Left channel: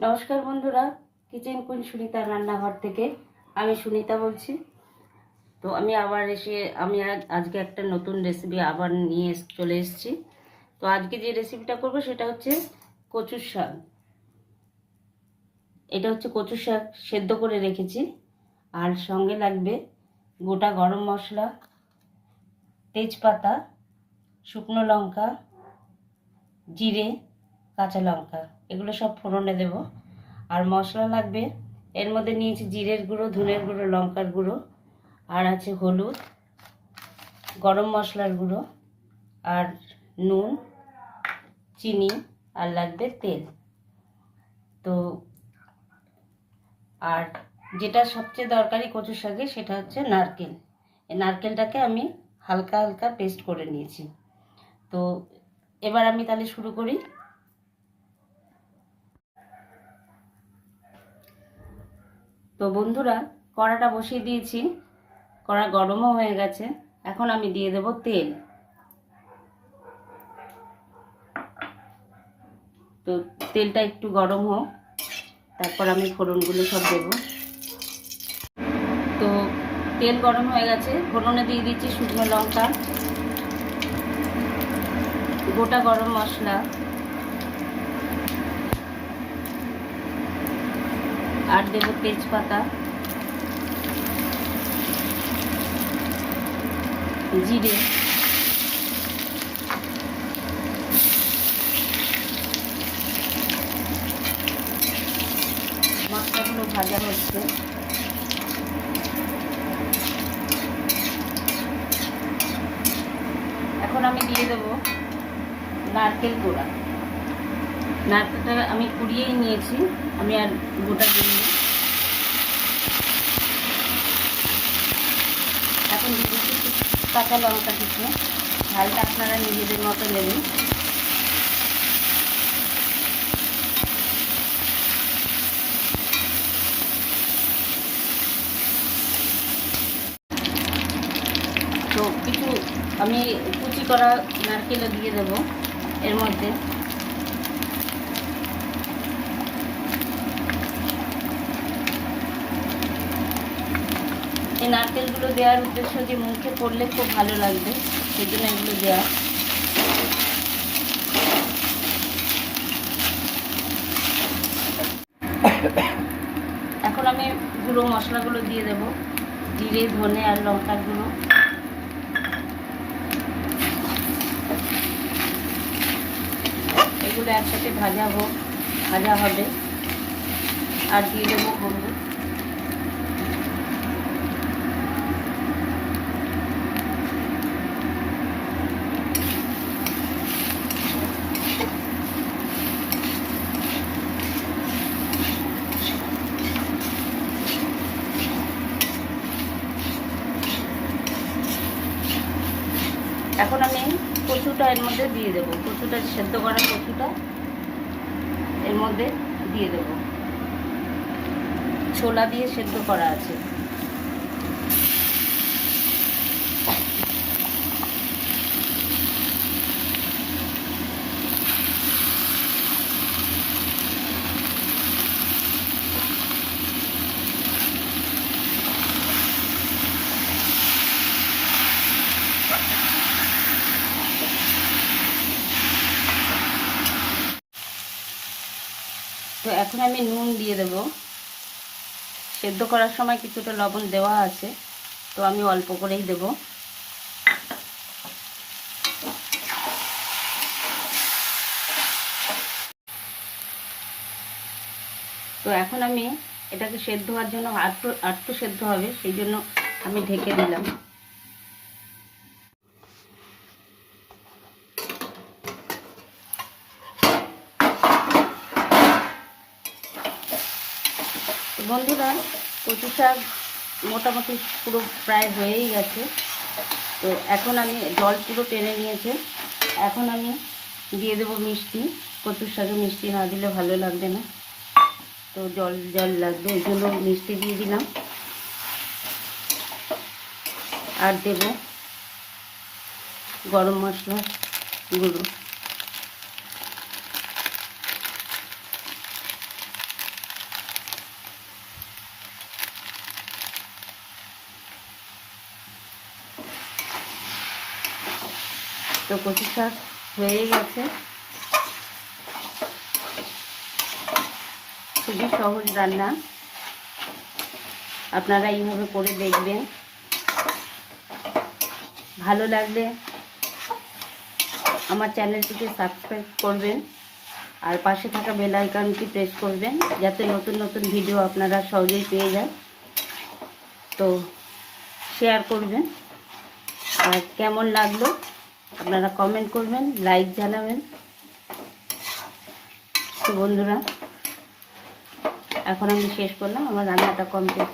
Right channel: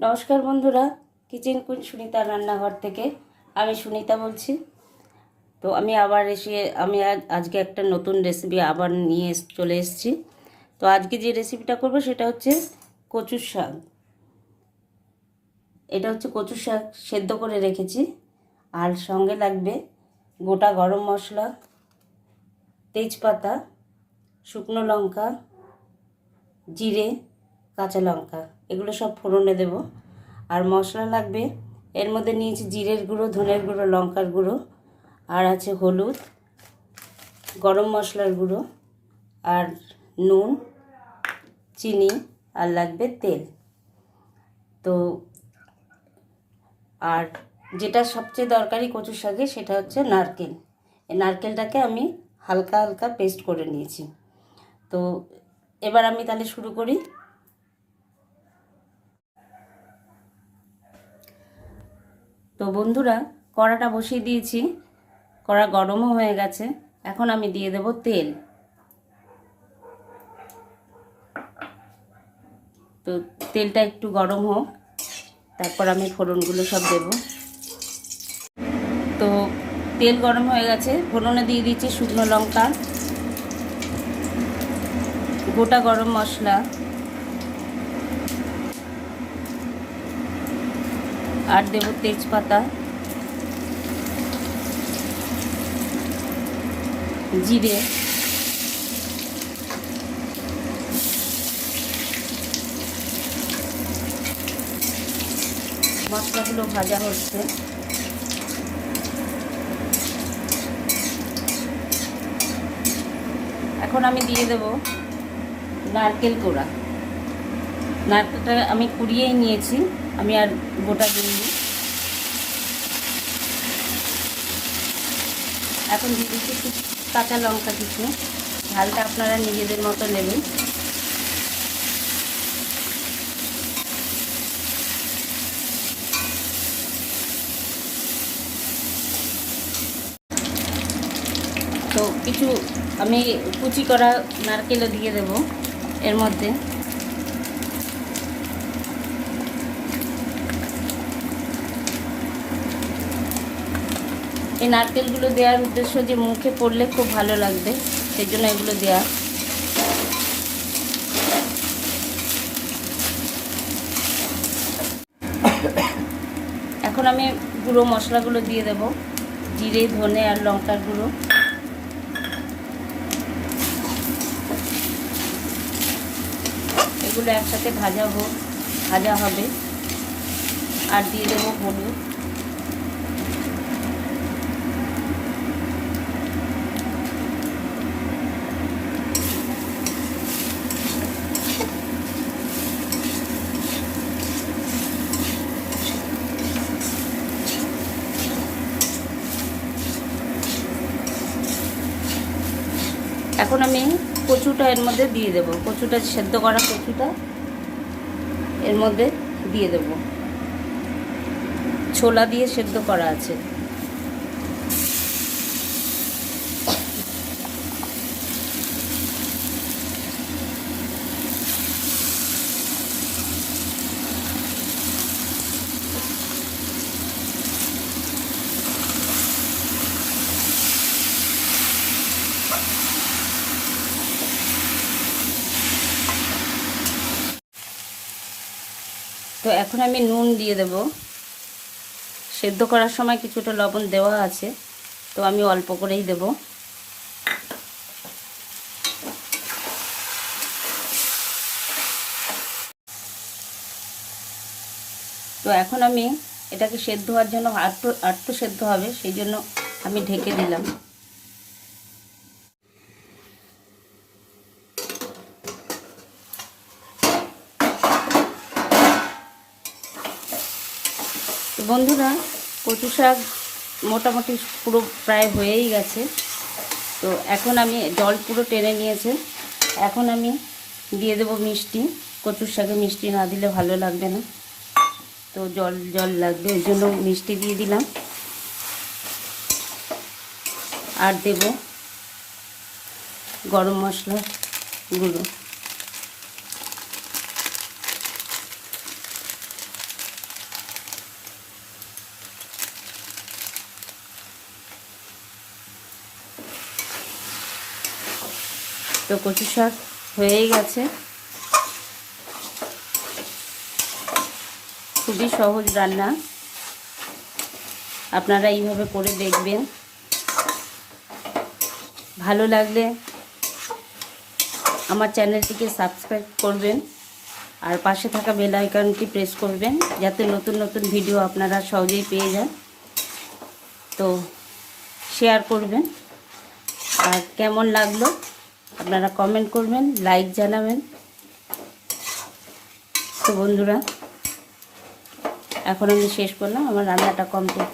নমস্কার বন্ধুরা, kitchen queen সুনিতার রান্নাঘর থেকে আমি সুনিতা বলছি। তো আমি আবার আজকে একটা নতুন রেসিপি আবার নিয়ে চলে এসেছি। তো আজকে যে রেসিপিটা করব সেটা হচ্ছে কচুর শাক। এটা হচ্ছে কচুর শাক সেদ্ধ করে রেখেছি, আর সঙ্গে লাগবে গোটা গরম মশলা, তেজপাতা, শুকনো লঙ্কা, জিরে, কাঁচা লঙ্কা, এগুলো সব ফোড়নে দেব। আর মশলা লাগবে, এর মধ্যে নিয়েছি জিরের গুঁড়ো, ধনের গুঁড়ো, লঙ্কার গুঁড়ো, আর আছে হলুদ, গরম মশলার গুঁড়ো, আর নুন, চিনি, আর লাগবে তেল। তো আর যেটা সবচেয়ে দরকারি কচুর শাকে সেটা হচ্ছে নারকেল। এই নারকেলটাকে আমি হালকা হালকা পেস্ট করে নিয়েছি। তো এবার আমি তাহলে শুরু করি। তো বন্ধুরা, কড়াটা বসিয়ে দিয়েছি, কড়া গরমও হয়ে গেছে। এখন আমি দিয়ে দেব তেল। তো তেলটা একটু গরম হোক, তারপর আমি ফোড়নগুলো সব দেব। তো তেল গরম হয়ে গেছে, ফোড়নে দিয়ে দিচ্ছি শুকনো লঙ্কা, গোটা গরম মশলা, আর দেব তেজপাতা, জিরে, মশলাগুলো ভাজা হচ্ছে। এখন আমি দিয়ে দেব নারকেল কোড়া। নারকেলটা আমি কুড়িয়েই নিয়েছি, আমি আর গোটা দিইনি। এখন দিয়ে দিচ্ছি কাঁচা লঙ্কা কিছু, ঝালটা আপনারা নিজেদের মতো নেবেন। তো কিছু আমি কুচি করা নারকেলও দিয়ে দেব এর মধ্যে। এই নারকেলগুলো দেওয়ার উদ্দেশ্য যে মুখে পড়লে খুব ভালো লাগবে, সেই জন্য এগুলো দেওয়া। এখন আমি গুঁড়ো মশলাগুলো দিয়ে দেব, জিরে, ধনে, আর লঙ্কার গুঁড়ো। এগুলো একসাথে ভাজা হবে। আর দিয়ে দেবো হলুদ। এখন আমি কচুটা এর মধ্যে দিয়ে দেবো, কচুটা সেদ্ধ করা কচুটা এর মধ্যে দিয়ে দেবো। ছোলা দিয়ে সেদ্ধ করা আছে। তো এখন আমি নুন দিয়ে দেব। সেদ্ধ করার সময় কিছুটা লবণ দেওয়া আছে, তো আমি অল্প করেই দেব। তো এখন আমি এটাকে সেদ্ধ হওয়ার জন্য আটটু সেদ্ধ হবে, সেই জন্য আমি ঢেকে দিলাম। বন্ধুরা, কচু শাক মোটামুটি পুরো প্রায় হয়েই গেছে। তো এখন আমি জল পুরো টেনে নিয়েছে। এখন আমি দিয়ে দেবো মিষ্টি। কচুর শাকে মিষ্টি না দিলে ভালো লাগবে না, তো জল জল লাগবে, এই জন্য মিষ্টি দিয়ে দিলাম। আর দেব গরম মশলা গুঁড়ো। তো কচু শাক হয়েই গেছে। খুবই সহজ রান্না, আপনারা এইভাবে করে দেখবেন। ভালো লাগলে আমার চ্যানেলটিকে সাবস্ক্রাইব করবেন আর পাশে থাকা বেল আইকনটি প্রেস করবেন, যাতে নতুন নতুন ভিডিও আপনারা সহজেই পেয়ে যান। তো শেয়ার করবেন, আর কেমন লাগলো আপনারা কমেন্ট করবেন, লাইক জানাবেন। তো বন্ধুরা, এখন আমি শেষ করলাম, আমার রান্নাটা কমপ্লিট।